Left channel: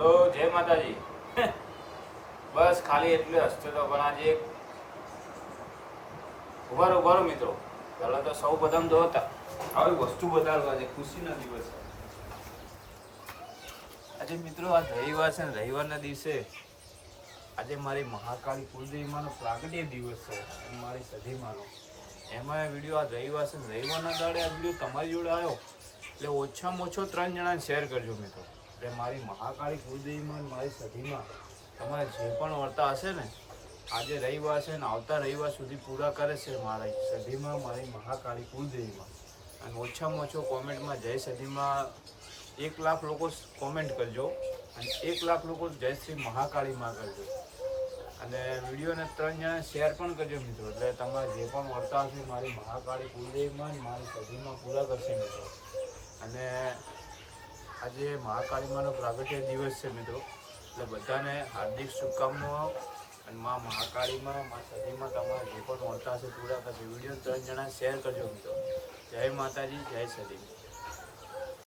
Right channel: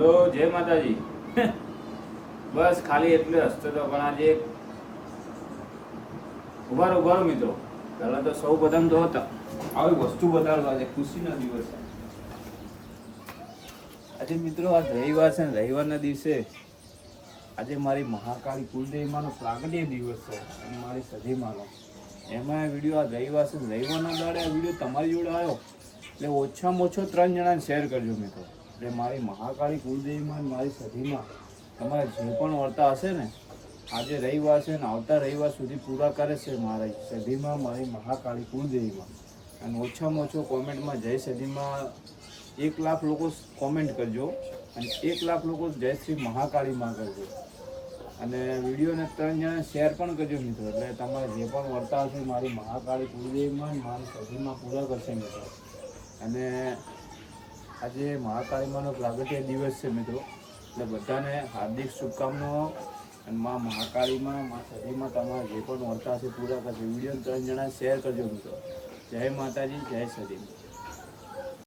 Hello, જય માતાજી. બસ ખાલી એટલે હસતો તો, પણ આજે ઉભારો મિત્રો. પહેલા તો સૌ પ્રથમ તો હતા આવી વસ્તુ બતાડવા છે, ખુશીનો દિવસ છે આજે મિત્રો. આજ રવિવાર છે ને, રવિવારના દિવસે આજે મારી મહાકાળી કુલદેવીમાંનો પ્રાગટ્ય દિવસ છે, મારી સધીમાંનો. એમાં વિડીયો આ રવિવાર છે, રવિવારના દાડે આ વિડીયો તમારી જોડે આવ્યો એટલે ઓછામાં ઓછો 3 જણાને શેર કરજો મિત્રો. એટલે મારી મહાકાળી કુલદેવીમાં, મારી સધીમાં તમારે જે પણ વર્તા હશે ને, આજે રવિવાર છે ને, આવતા રવિવાર સુધી પૂરા કરે છે મારી સધીમાં, મારી મહાકાળી કુલદેવીમાં. અને ઓછામાં ઓછો કોમેન્ટમાં જય સધીમાં 1 લાખ લોકો કોમેન્ટ કરજો, અને 1 લાખ લોકો જય શ્રી મહાકાળીમાં કરજો. અને વિડીયોને 3 જણા શેર પણ કરજો મિત્રો. એટલે તમારે જે પણ વર્તા હશે મારી મહાકાળી કુલદેવીમાં, મારી સધીમાં પૂરા કરશે મિત્રો. અને આજે મહાકાળીમાંનો પ્રાગટ્ય દિવસ છે મિત્રો. એટલે બધાને હાર્દિક શુભકામનાઓ. અને મા મહાકાળીમાં, મા સધીમાં તમારે જે પણ વર્તા હશે પૂરા કરશે. વિડીયો 3 જણા શેર કરજો મિત્રો. જય માતાજી, જય સધી.